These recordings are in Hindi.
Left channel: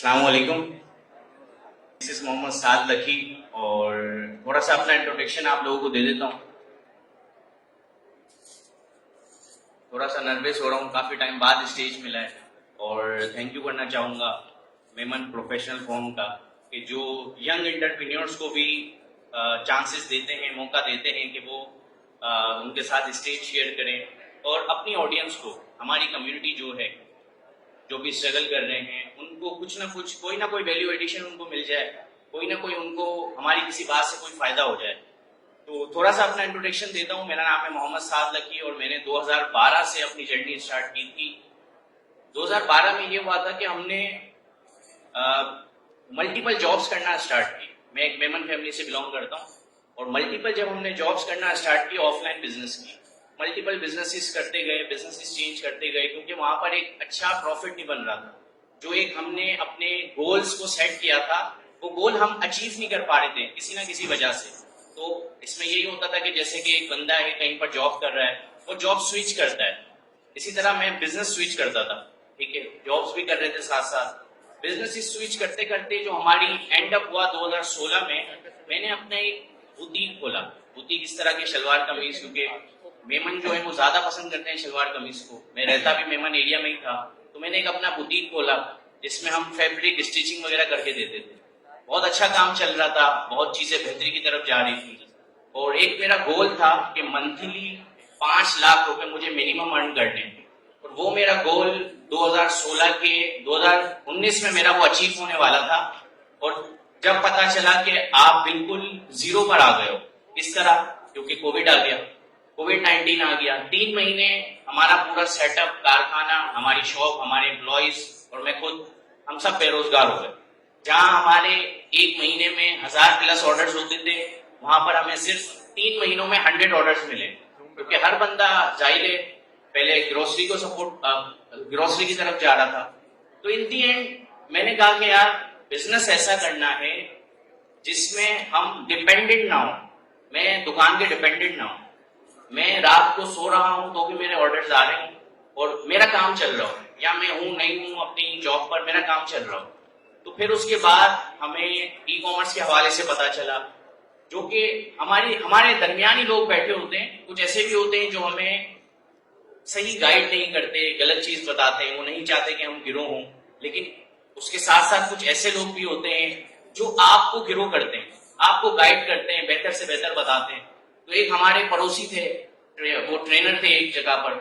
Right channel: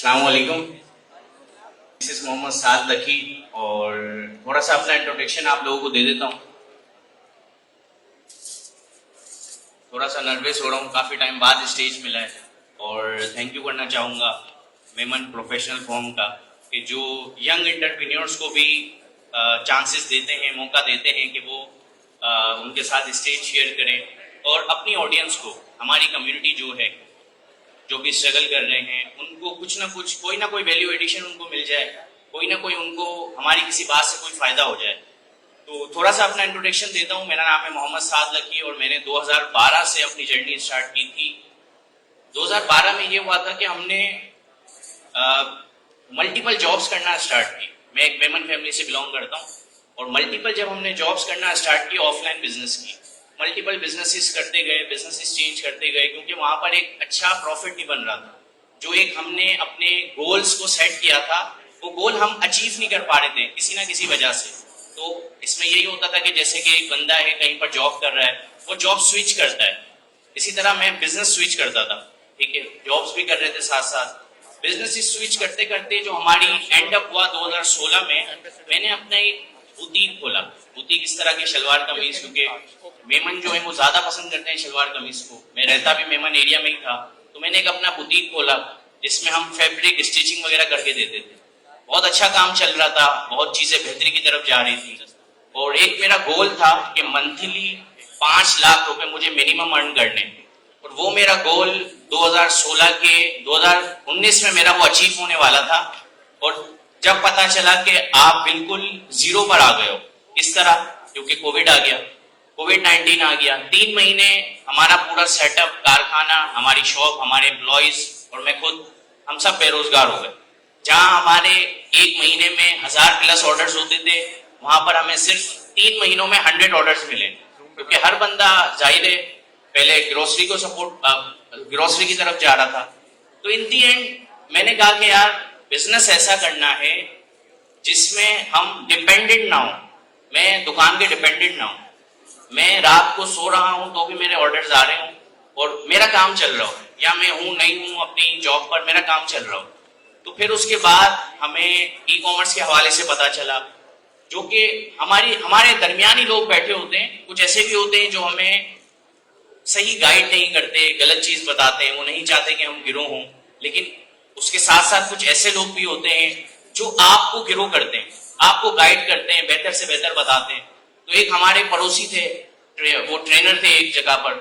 अस्सलाम वालेकुम। This is Mohammad Saad Lucky और थोड़ा सा अपना इंट्रोडक्शन आप लोगों को दे देता हूँ। थोड़ा सा नर्वस हो रहा हूँ, काफ़ी टाइम बाद स्टेज मिला है और थैंक यू करना चाहूँगा मेमन प्रोफेशनल फॉर्म का कि जो यंग एंटरप्रेन्योर्स को भी चांसेस देते हैं, मौका देते हैं कि वो उनके साथ स्टेज शेयर करें और अपनी ऑडियंस को, हमारी कम्युनिटी जो है, जो भी स्ट्रगल कर रहे हैं, उनको कुछ ना कुछ, कोई ना कोई वैल्यू एडिशन उनको मिल जाए, कोई ना कोई उनको हमारी किसी बात से कोई फायदा हो जाए। तो थोड़ा सा अपना इंट्रोडक्शन देता हूँ। मेरा नाम है मोहम्मद साद लकी और मैंने 2012 से अपनी जर्नी स्टार्ट की थी। 2012 में ये हुआ था कि हमने मल्टीपल जॉब्स करना स्टार्ट की। मैं एक मेमन फैमिली से बिलोंग करता हूँ और मल्टीपल जब हमने जॉब्स करना स्टार्ट की, ऑफलाइन बिजनेस की, मल्टीपल बिजनेसेस करते गए, बिजनेसेस चेंज करते गए, क्योंकि वहां पर एक अच्छा प्रॉफिट नहीं बन रहा था। जो एक हमने अपने गोल्स को सेट किया था, वो गोल हम अचीव नहीं कर पा रहे थे किसी ना किसी वजह से। तो इसमें यही होता था कि जैसे कि एक बंदा है कहीं पर जॉब कर रहा है, वो जॉब स्विच करता है, इसी तरह मैं बिजनेस स्विच करता था। ठीक है, जॉब्स भी कर रहे थे साथ साथ, बिजनेस स्विच करते करते जो हमारी एंड अप हुआ 2016 में, मैंने अपना एक बुटीक खोला। बुटीक इस तरह की शलवार कमीज, क्योंकि मेमन जो है वो ज्यादा पसंद करते हैं शलवार कमीज को, मैं रहता भी मेमन एरिया में ही था, तो मैंने एक अपना बुटीक खोला जिसमें हम फैब्रिक स्टिचिंग वगैरह करके देते थे। बहुत अच्छा काम चल रहा था, बहुत चीजें बेहतरी की तरफ जा रही थी और एक मेरा गोल था कि मंथली 5 लाख रुपए मुझे मिनिमम अर्न करने, और वो मेरा गोल 2019 में मेरा वो अचीव होने वाला था। और जब पता चला कि आप बिल्कुल जीरो पर आ गए हो, किस तरह, क्योंकि कोविड आ गया, कोविड-19 आ गया, 3 महीने हमारा पूरा सेटअप, कारखाना, हमारी शॉप, हमारे एम्प्लॉइज और मैं खुद, हम सब बेरोजगार हो गए। जहां हमारे एक महीने में 1000+ ऑर्डर्स होते थे, वहां पर हमें सिर्फ 3 महीनों में 100 ऑर्डर्स मिले, क्योंकि हर बंदा जाहिर है पहले ग्रोसरी को सपोर्ट, ग्रोसरी की तरफ जा रहा था। तो इन दी एंड मैंने कहा कि यार बिजनेस ऐसा करना है जिसमें हम डिपेंडेंट ना हो, मैं दुकान के डिपेंडेंट ना हूं, मैं रात को सो रहा हूं तो भी मेरे ऑर्डर्स आ रहे हूं और मेरा काम चल रहा हो, या मैं हूं नहीं हूं अपनी जॉब पर, मेरा काम चल रहा हो। तो फिर उसके बाद हमें ई कॉमर्स के हवाले से पता चला, जो कि हमारे दरमियानी लोग बैठे होते हैं, कुछ ऐसे भी होते हैं जो हमें सही गाइड नहीं करते, गलत चीज बताते हैं, वो नहीं चाहते कि हम गिरो हों, लेकिन उसके साथ साथ कुछ ऐसे लोग भी होते हैं जो आपको गिरो करते हैं, आपको गाइड करते हैं, बेहतर से बेहतर बताते हैं। तो एक हमारे पड़ोसी थे, वो ट्रेनर थे एक जगह पर,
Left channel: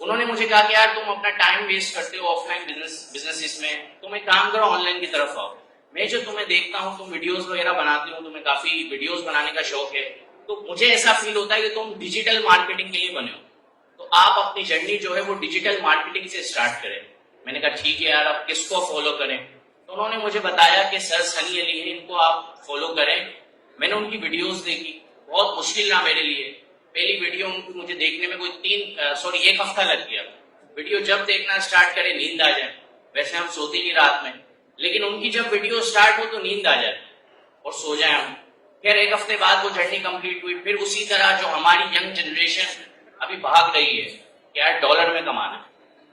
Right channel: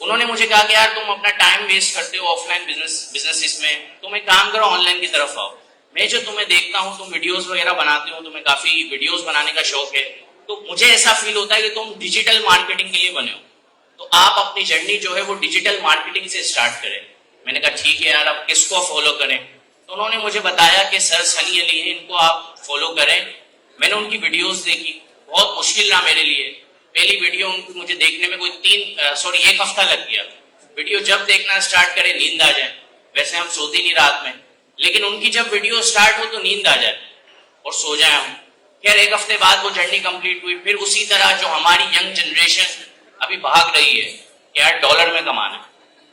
उन्होंने मुझे कहा कि यार तुम अपना टाइम वेस्ट करते हो ऑफलाइन बिजनेस में, तुम एक काम करो, ऑनलाइन की तरफ आओ। मैं जो तुम्हें देखता हूँ, तुम वीडियोस वगैरह बनाते हो, तुम्हें काफी वीडियोस बनाने का शौक है, तो मुझे ऐसा फील होता है कि तुम डिजिटल मार्केटिंग के लिए बने हो, तो आप अपनी जर्नी जो है वो डिजिटल मार्केटिंग से स्टार्ट करें। मैंने कहा ठीक है यार, अब किसको फॉलो करें? तो उन्होंने मुझे बताया कि सर सनी अली है, इनको आप फॉलो करें। मैंने उनकी वीडियोस देखी, बहुत मुश्किल रहा मेरे लिए। पहली वीडियो उनको मुझे देखने में कोई 1 हफ्ता लग गया। वीडियो जब देखना स्टार्ट करे नींद आ जाए, वैसे हम सोते नहीं रात में, लेकिन उनकी जब वीडियो स्टार्ट हो तो नींद आ जाए और सो जाए हम। खैर 1 हफ्ते बाद वो जर्नी कंप्लीट हुई। फिर उसी तरह जो हमारी यंग जनरेशन अभी भाग रही है कि यार डॉलर में कमाना,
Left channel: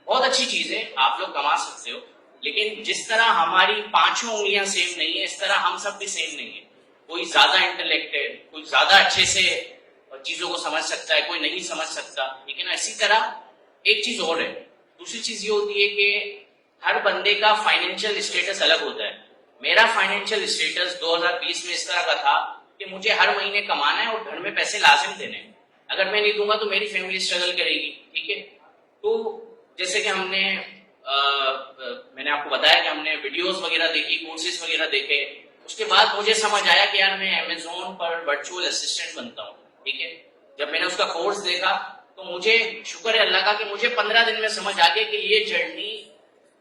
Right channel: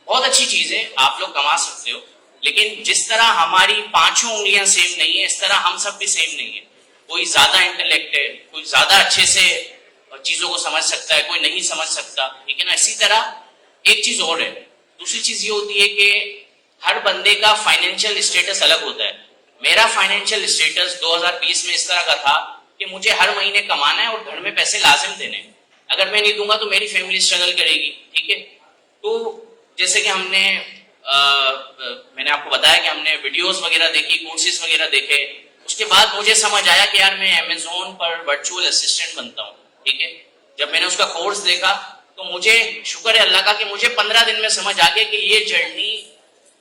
बहुत अच्छी चीज है, आप लोग कमा सकते हो, लेकिन जिस तरह हमारी 5 उंगलियां सेम नहीं है, इस तरह हम सब भी सेम नहीं है। कोई ज्यादा इंटेलेक्टेड, कोई ज्यादा अच्छे से चीजों को समझ सकता है, कोई नहीं समझ सकता। लेकिन इसी तरह एक चीज और है, दूसरी चीज ये होती है कि हर बंदे का फाइनेंशियल स्टेटस अलग होता है। मेरा फाइनेंशियल स्टेटस 2020 में इस तरह का था कि मुझे हर महीने कमाना है और घर में पैसे लाजिम देने हैं, अगर मैं नहीं दूंगा तो मेरी फैमिली स्ट्रगल करेगी। ठीक है, तो जैसे कि मैंने आपको बताया कि हमने वीडियोस वगैरह देखी, कोर्सेज वगैरह देखे, उसके बाद मुझे समझ आया कि यार मैं अमेज़न पर वर्चुअल असिस्टेंट बनता हूँ। ठीक है, जब मैंने उसका कोर्स देखा तो मुझे शुक्र है अल्लाह का कि मुझे 15 दिन में समझ आ गया कि ये जर्नी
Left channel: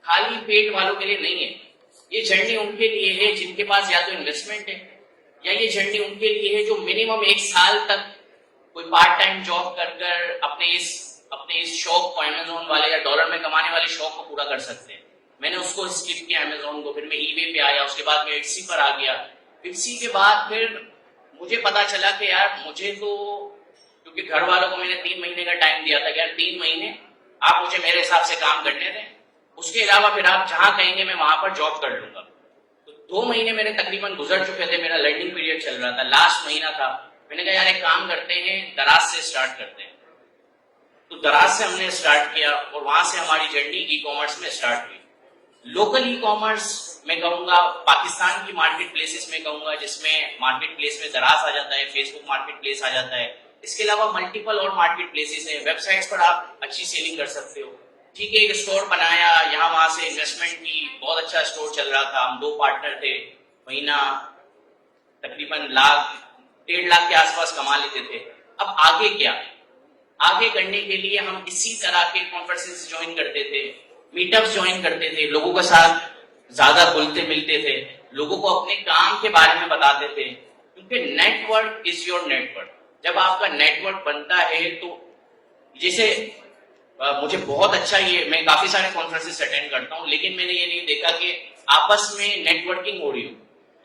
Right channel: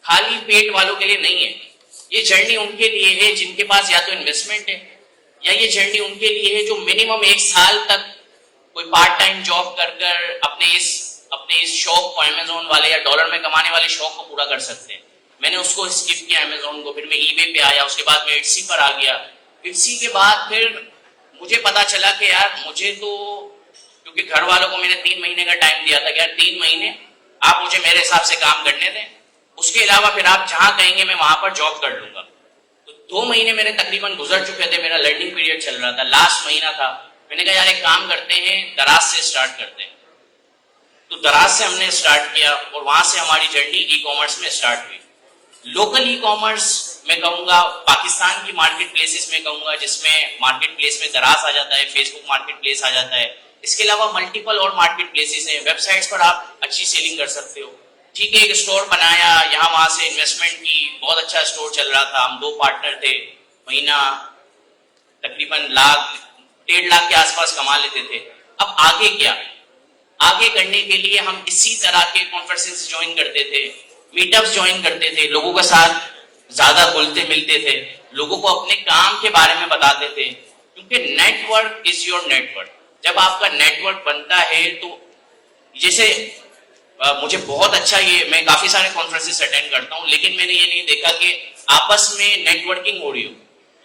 खाली पेट वालों के लिए नहीं है, ये जर्नी उनके लिए है जिनके पास या तो इन्वेस्टमेंट है, या ये जर्नी उनके लिए है जो मिनिमम 1 साल तक कोई पार्ट टाइम जॉब कर अपने इस शौक को, अमेज़न वाले या डॉलर में कमाने वाले शौक को पूरा कर सकते हैं। मैंने उसको स्किप किया अमेज़न को, फिर मैं ईबे पे आया, उसके बाद मैं इट्सी पर आ गया। इट्सी के बाद फिर मुझे पता चला कि यार मुझे तो, क्योंकि घर वालों को मैंने 3 महीने का टाइम दिया था कि यार 3 महीने आप मुझे मेरे हिसाब से काम करने दें, उसके अलावा फिर आप जहां कहेंगे मैं वहां पर जॉब कर लूंगा। तो 2 महीने मेरे तकरीबन गुजर चुके थे, मेरा लर्निंग पीरियड चल रहा था, लास्ट महीना था। मैंने कहा यार एक काम करते हैं, दराज से स्टार्ट करते हैं। तो दराज से हमने स्टार्ट किया और वहां से हमारी जर्नी ई कॉमर्स में स्टार्ट हुई। लोकल ई कॉमर्स मैं कहूंगा, पाकिस्तान की मार्केट प्लेसेस में कहूंगा, जिसमें मार्केट प्लेस में दराज आ जाता है, फेसबुक मार्केट प्लेस आ जाता है। इसके अलावा मल्टीपल और मार्केट प्लेसेस हैं, वेबसाइट्स पर आप अच्छी सेलिंग कर सकते हो। ठीक है, एक स्टोर बनाया, यहाँ वहां से इन्वेस्टमेंट की, बहुत अच्छा स्टोर चल रहा था। हम 2 पार्टनर थे, महीना तकरीबन लाख 1.5 लाख के आसपास कमा लेते थे। अब आगे क्या? आगे करने के लिए हम इसी तरह के कॉन्फ्रेंसेस ज्वाइन करते थे, मीटअप्स ज्वाइन करते थे, लोगों के साथ ज्यादा घुलते मिलते थे, लोगों को अपने काम के बारे में बताते थे, क्योंकि नेटवर्क इज योर नेटवर्क। जब आपका नेटवर्क बनता है तो जैसे मुझे बहुत अच्छा, ये मैं काफी सारे कॉन्फ्रेंसेस अटेंड करता हूँ, लेकिन मैंने ये नहीं देखा कि आपस में नेटवर्किंग हो रही हो।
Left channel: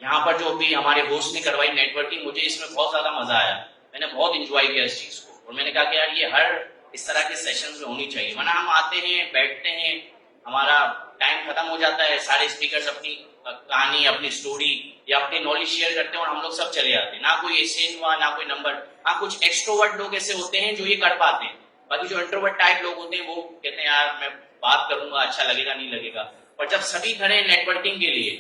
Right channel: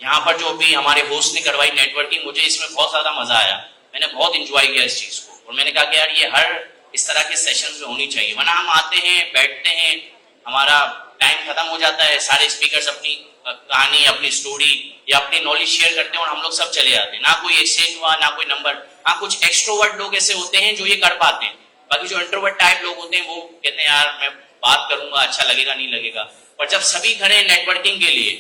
यहाँ पर जो भी हमारे होस्ट ने करवाई नेटवर्किंग, मुझे इसमें बहुत ज्यादा मजा आया, मैंने बहुत इंजॉय किया इस चीज को। और मैंने कहा कि यार ये हर इस तरह के सेशंस में होनी चाहिए, वरना हम आते हैं, बैठते हैं, हमारा टाइम खत्म हो जाता है, सारे स्पीकर्स अपनी कहानी, अपनी स्टोरी या अपनी नॉलेज शेयर करते हैं और हम लोग सब चले जाते हैं। ना कोई एक्सचेंज हुआ, ना कोई नंबर। हाँ, कुछ एक्सट्रोवर्ट लोग ऐसे होते हैं जो ये कर पाते हैं, बाकी जो इंट्रोवर्ट टाइप लोग होते हैं वो कहते हैं यार मैं बात करूंगा, अच्छा लगेगा नहीं लगेगा। पर जब सभी खड़े हैं नेटवर्किंग के लिए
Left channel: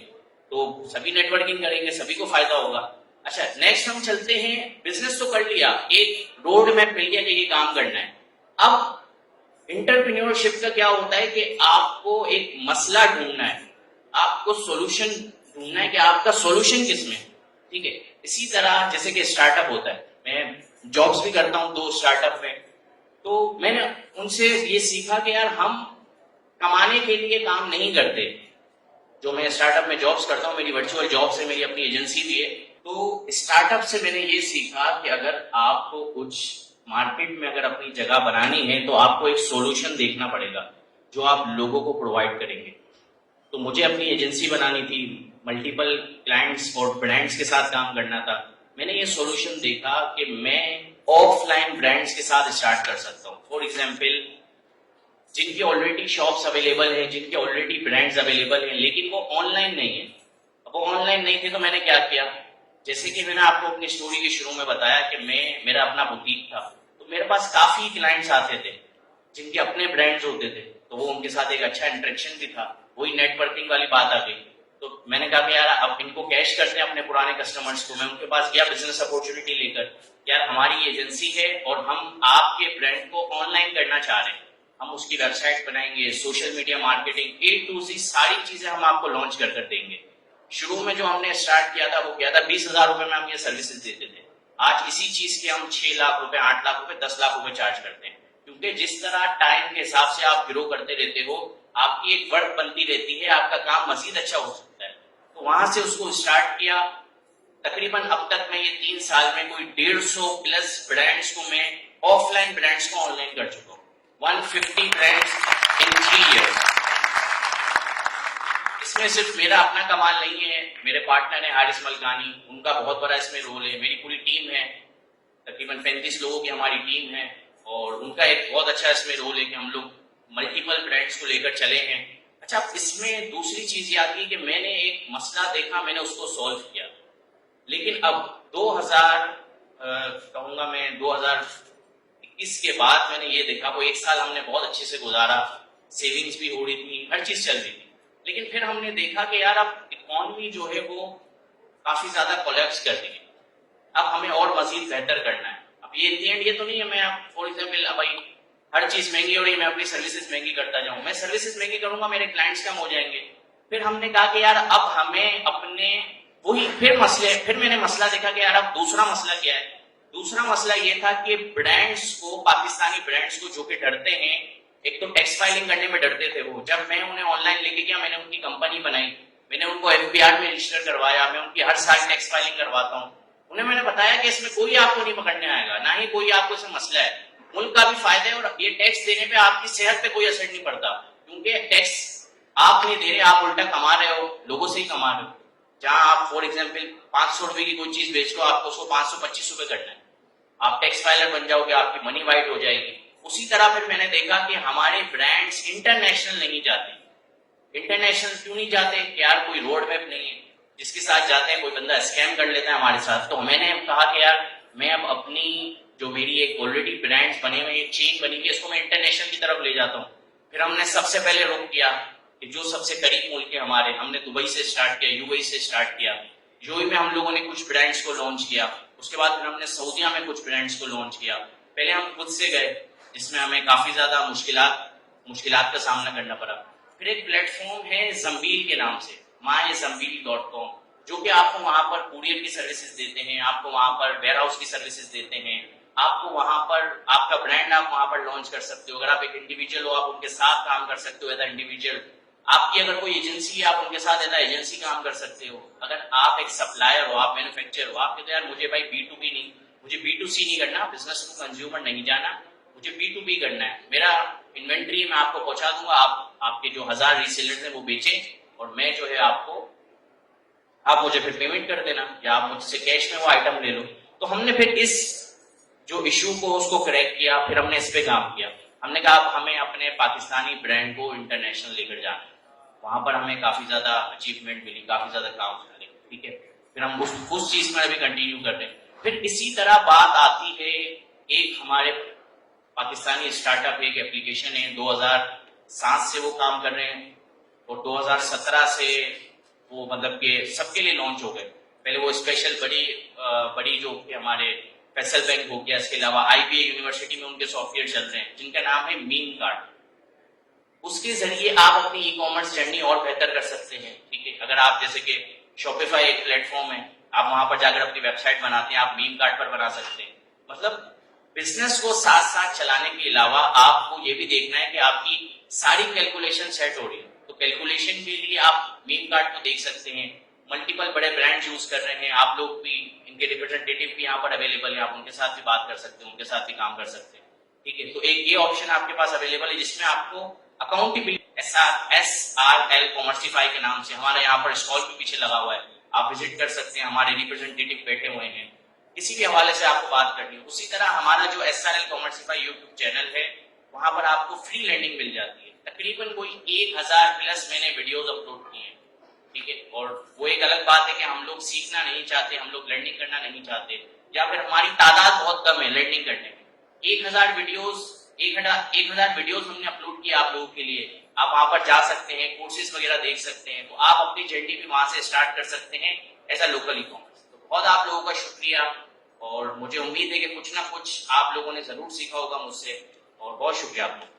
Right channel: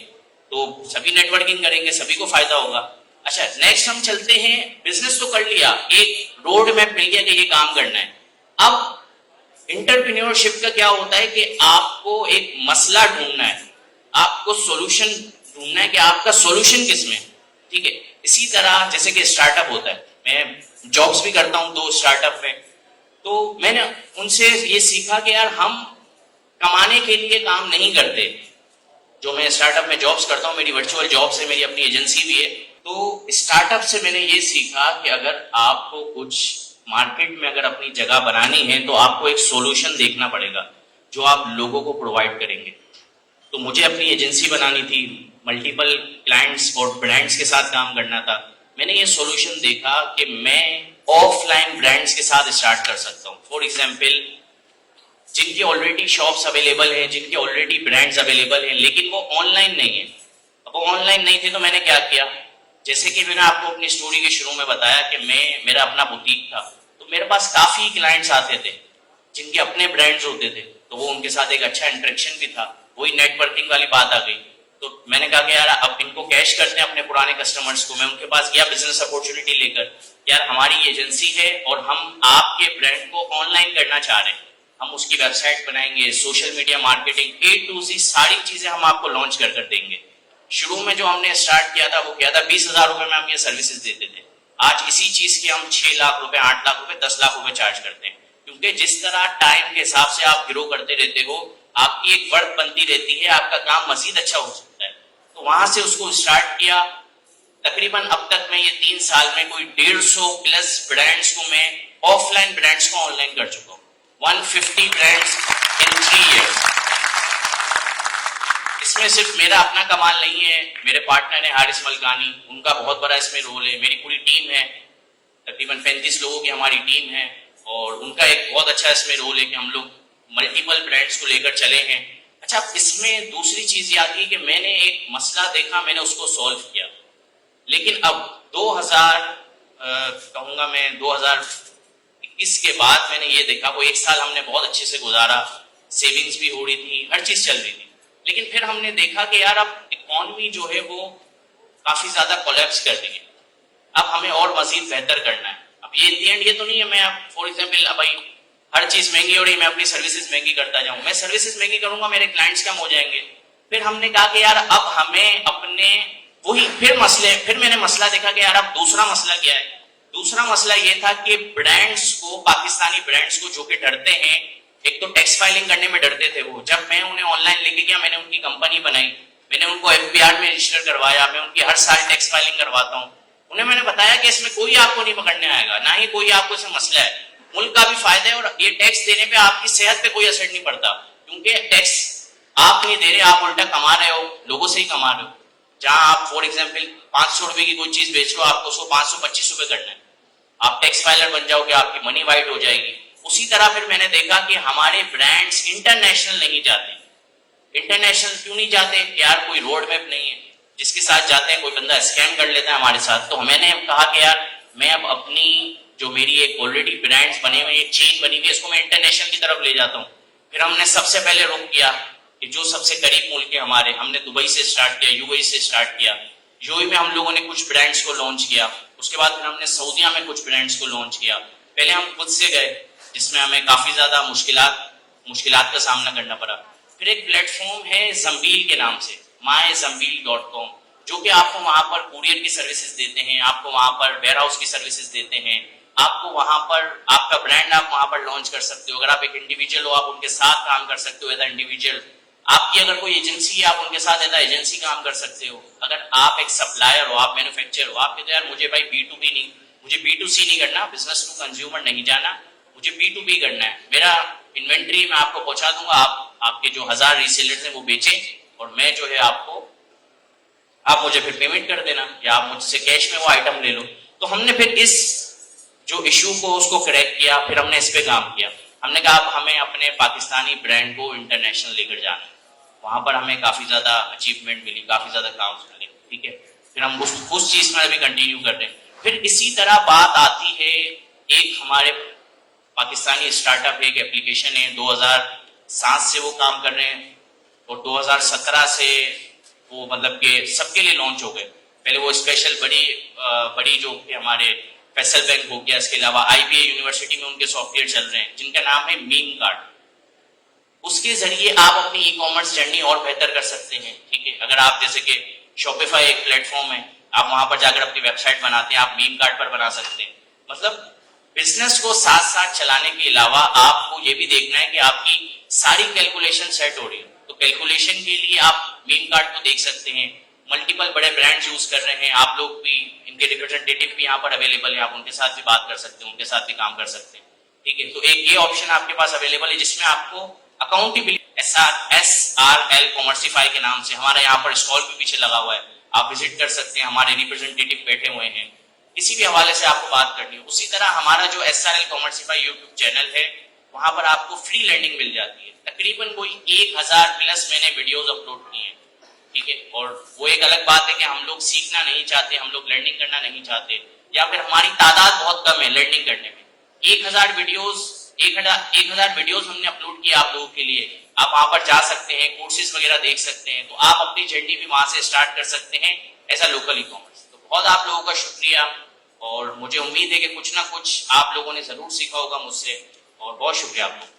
तो सभी नेटवर्किंग करेंगे, सभी को फायदा होगा। अच्छा, नेक्स्ट हम चलते हैं, बिजनेस तो कर लिया, एक रोड मैप मिल गया कि ये काम करना है। अब एंटरप्रेन्योरशिप का क्या होता है कि आपको एक मसला ढूंढना है, आपको सॉल्यूशन ढूंढना है कि आपका सॉल्यूशन किस में। ठीक है, इसी तरह जैसे कि स्टार्टअप होता है, मैं जॉब्स भी करता हूं 2 स्टार्टअप में, तो मैंने उनसे ये सीखा कि यार हम कमाने के लिए काम नहीं करते। जो मैं स्टार्टअप में जॉब्स करता हूं, मेरी वर्चुअल जॉब्स है, मेरी अपनी एजेंसी भी है, तो स्टार्टअप से मैंने ये सीखा कि अगर आपको कुछ मार्केट में अगर अपनी जगह बनानी है तो आपको एक सॉल्यूशन देखना पड़ेगा जो आप लोगों को प्रोवाइड करेंगे। तो मुझे अपनी एजेंसी बनानी थी, मल्टीपल क्लाइंट्स और ब्रांड्स के साथ काम करना था। मैंने ये सॉल्यूशन देखा कि मैं ऑफलाइन ब्रांड्स के साथ स्टार्ट कर सकता हूँ। फॉर एग्जाम्पल, जिनके ऑलरेडी शॉप्स अवेलेबल हैं, जिनके ऑलरेडी ब्रांड्स अवेलेबल हैं, लेकिन वो ऑनलाइन नहीं है। अब वो ऑनलाइन नहीं थे तो मैंने क्या किया, जैसे कि मैंने आपको अपनी स्टोरी के शुरू में बताया कि मेरा अपना बुटीक था, तो मेरे पास काफी क्लाइंट्स आते थे जिनके अपने ब्रांड्स होते थे, तो वो उनके साथ एक अच्छा इंटरेक्शन भी था, वही नेटवर्किंग वाली बात आ गई। तो मैंने कहा कि यार अब इनको कैश करते हैं अपने पुराने कस्टमर्स को। मैं उनके पास गया बिजनेस अपॉर्चुनिटी लेकर, यार हमारी एजेंसी है और हम आपके ब्रांड को ऑनलाइन करना चाह रहे हैं, हम उसकी वेबसाइट बनाएंगे, social media marketing A to Z सारी चीजें हम आपको लॉन्च कर देंगे। शुरू में जो हमने स्टार्ट किया था वो किया था 20,000 रुपए में हम ये सर्विसेज देते थे। आज इसी चीज के हम 6 लाख रुपए, 8 लाख रुपए, 10 लाख रुपए चार्ज करते हैं, क्योंकि जिस तरह टाइम के हिसाब से आप ग्रो करते रहते हो, आपकी एक वर्थ बनती रहती है, आपका काम मजीद अच्छा हो सकता है। तो वहां से उसको स्टार्ट किया। तकरीबन अब तक मैं ये 3 साल में कोई 150 प्लस ब्रांड्स को मैं ऑफलाइन ब्रांड्स को ऑनलाइन कर चुका हूँ। 150 ब्रांड्स इन 3 years। इसमें सिर्फ मेरा अपना कमाल नहीं है, मेरे पार्टनर है हारिस मलकानी, उनका बहुत बड़ा इसमें रोल है। मेरी पूरी टीम है, तकरीबन 35 लोगों की हमारी टीम है, और उनका एक बहुत अच्छा इसमें रोल है कि हम लोग मल्टीपल ब्रांड्स को लेकर चले हैं। अच्छा, इसमें दूसरी चीज ये आती है कि मैंने एक मसला देखा, मैंने उसको सॉल्व किया। लेकिन अब 2021 के बाद मैंने ये देखा, वो 1 साल हमने बहुत अच्छे से गुजारा, सेविंग्स भी हो रही थी, हर चीज चल रही थी। लेकिन फिर हमने देखा कि यार अब इकोनॉमी जो है वो काफी ज्यादा कोलैप्स कर रही है, अब हमें और मजीद बेहतर करना है। अब ये इन दी एंड ये तो नहीं है मैं आप फॉर एग्जाम्पल अब भाई हर चीज महंगी हो रही है, मैं अपनी सर्विसेज महंगी करता जाऊं। मैं सर्विसेज महंगी करूंगा, मेरे क्लाइंट्स कम हो जाएंगे। फिर हमने कहा कि यार अब हमें अपने वही फिर मैंने मसला देखा कि यार अब दूसरा मसला क्या है। दूसरा मसला ये था कि ब्रांड्स को, पाकिस्तानी ब्रांड्स को जो कि डरते हैं, एक तो टैक्स फाइलिंग करने में डरते थे वो। जब मैं उन्हें ऑनलाइन लेके गया, मैंने उनकी कंपनी बनाई, मैंने उनको FBR में रजिस्टर करवाया, मैं उनकी हर साल टैक्स फाइलिंग करवाता हूँ। उन्हें मैंने बताया कि इसमें कोई आपको नहीं पकड़ने आएगा, ना ही कोई आपको इसमें मसला है, मुल्क का भी फायदा है, और ये टैक्स देने पे आपकी सेहत पे कोई असर नहीं पड़ता, क्योंकि टैक्स आप नहीं दे रहे, आप उल्टा कमा रहे हो, लोगों से ही कमा रहे हो। जहां आप फॉर एग्जाम्पल 500 रुपए की कोई चीज बेच रहे हो, आपको उसको 525 रुपए करना है, आप टैक्स फाइलर बन जाओगे, आपकी मनी वाइट हो जाएगी। उसी तरह फिर मैंने देखा कि हमारे ब्रांड्स इंटरनेशनल नहीं जाते, इंटरनेशनल क्यों नहीं जाते? यार कोई रोड मैप नहीं है, जिसके साथ जाते हैं कोई बंदा स्कैम कर लेता है हमारे साथ। तो मैंने कहा कि यार मैं अब अपनी जो मेरी एक ऑलरेडी ब्रांड्स बने हुए, एक चेन बनी हुई है, इसको मैं इंटरनेशनल की तरफ ले जाता हूँ। फिर हमने सबसे पहले रुख किया कि जो सबसे करीब मुल्क है हमारे, हमने दुबई से स्टार्ट किया, यूएई से स्टार्ट किया। यूएई में हम लोगों ने कुछ ब्रांड्स को लॉन्च किया, उसके बाद फिर हमने सऊदीया में कुछ ब्रांड्स को लॉन्च किया। पहले हम खुद से गए, जिसमें हमें काफी ज्यादा मुश्किलात का सामना करना पड़ा। फिर एक प्लेटफॉर्म है जम्बील के नाम से, myzambil.com, जो कि आपको वहां पर कुरियर की सर्विसेज देते हैं, आपको वहां पर वेयर हाउस की सर्विसेज देते हैं, आपको वहां पर आपका ब्रांड आप वहां पर लॉन्च कर सकते हो। अगर आप एक इंडिविजुअल हो, आप उनके साथ काम कर सकते हो एज इंडिविजुअल। आपकी अगर कोई एजेंसी है, आप उनके साथ एज एजेंसी काम कर सकते हो। अगर आप एक सप्लायर हो, आप मैन्युफैक्चरर हो, आप कहते हो यार मुझे भाई B2B नहीं, मुझे B2C नहीं करना, बिजनेस टू कंज्यूमर नहीं जाना, मुझे B2B करना है। मेरा इन्वेंट्री मैं आपको पहुंचा दूंगा, आपके जो 1000 रीसेलर्स हैं वो बेचें और मैं जो है आप मुझे फिर पेमेंट कर देना, या आप मुझसे कैश में वो आइटम ले लो। तो हमने फिर इस जो इश्यू को उसको क्रैक किया, फिर हमने इस पे काम किया। हमने कहा अब हमें अपने पाकिस्तानी ब्रांड को इंटरनेशनल लेकर जाना है। वहां पर हमें काफी ज्यादा अचीवमेंट मिली, काफी ज्यादा काम मिले, ठीक है। फिर हम उस चीज में अभी कंटिन्यू कर रहे हैं। फिर इसी तरह बात आती है, एक हमारे पाकिस्तानी स्टार्टअप एक एप्लीकेशन है, 2007 से वो काम कर रहे हैं और 2017 से वो मतलब के सबके लिए लॉन्च हो गए। पहले वो स्पेशल बड़ी जो कि हमारे फैसल बैंक हो गया, इसके अलावा IBA यूनिवर्सिटी में उनके सॉफ्टवेयर चल रहे हैं जिनका नाम है मीम कार्ड। उसके जरिए आप अपनी ई-कॉमर्स जर्नी और बेहतर कर सकते हैं, ठीक है। अगर आप जैसे कि शॉपिफाई एक प्लेटफॉर्म है, आप वहां पर जाकर अपनी वेबसाइट बनाते हैं, आप मीम कार्ड पर बना सकते हैं। मतलब बिजनेस को साथ साथ चलाने के अलावा आपको ये भी देखना है कि आपकी सारी कैलकुलेशन सेट हो रही है। तो कैलकुलेशन के लिए आप मीम कार्ड को देख सकते हैं। मल्टीपल बड़े ब्रांड्स यूज कर रहे हैं, आप लोग भी, इनके रिप्रेजेंटेटिव भी यहाँ पर अवेलेबल है, आप उनके साथ भी बात कर सकते हैं, उनके साथ भी काम कर सकते हैं, ठीक है। तो एक ये ऑप्शन आपके पास अवेलेबल है जिसमें आपको अकाउंटेबिलिटी, SRL कॉमर्सिफाई के नाम से हमारा यहाँ पर स्टॉल भी पीछे लगा हुआ है, आप विजिट कर सकते हैं, हमारे रिप्रेजेंटेटिव बैठे हुए हैं, किसी भी हवाले से आपको बात करनी हो। उसी तरह हमारा जो SRL कॉमर्सिफाई यूट्यूब चैनल है, वहां पर आपको फ्री लर्निंग मिल जाती है। तकरीबन कोई 1000 प्लस मैंने वीडियोस अपलोड किए हैं, ठीक है। और वो एक अलग बात है कि हम लोग सीखना नहीं चाहते, हम लोग लर्निंग करना नहीं चाहते, या फिर हमारी तादाद बहुत कम है लर्निंग करने में। 1000 वीडियोस हमने अपलोड किया आप लोगों के लिए। आप वहां पर जा सकते हैं, कोर्सेज वगैरह देख सकते हैं, तो आप अपनी जर्नी भी वहां से स्टार्ट कर सकते हैं एज अ लोकल ई-कॉमर्स। तो बहुत आप लोगों का शुक्रिया, और मुझे उम्मीद है कि कुछ ना कुछ आप लोगों ने जरूर सीखा होगा मुझसे, और बहुत शुक्रिया आप लोगों का।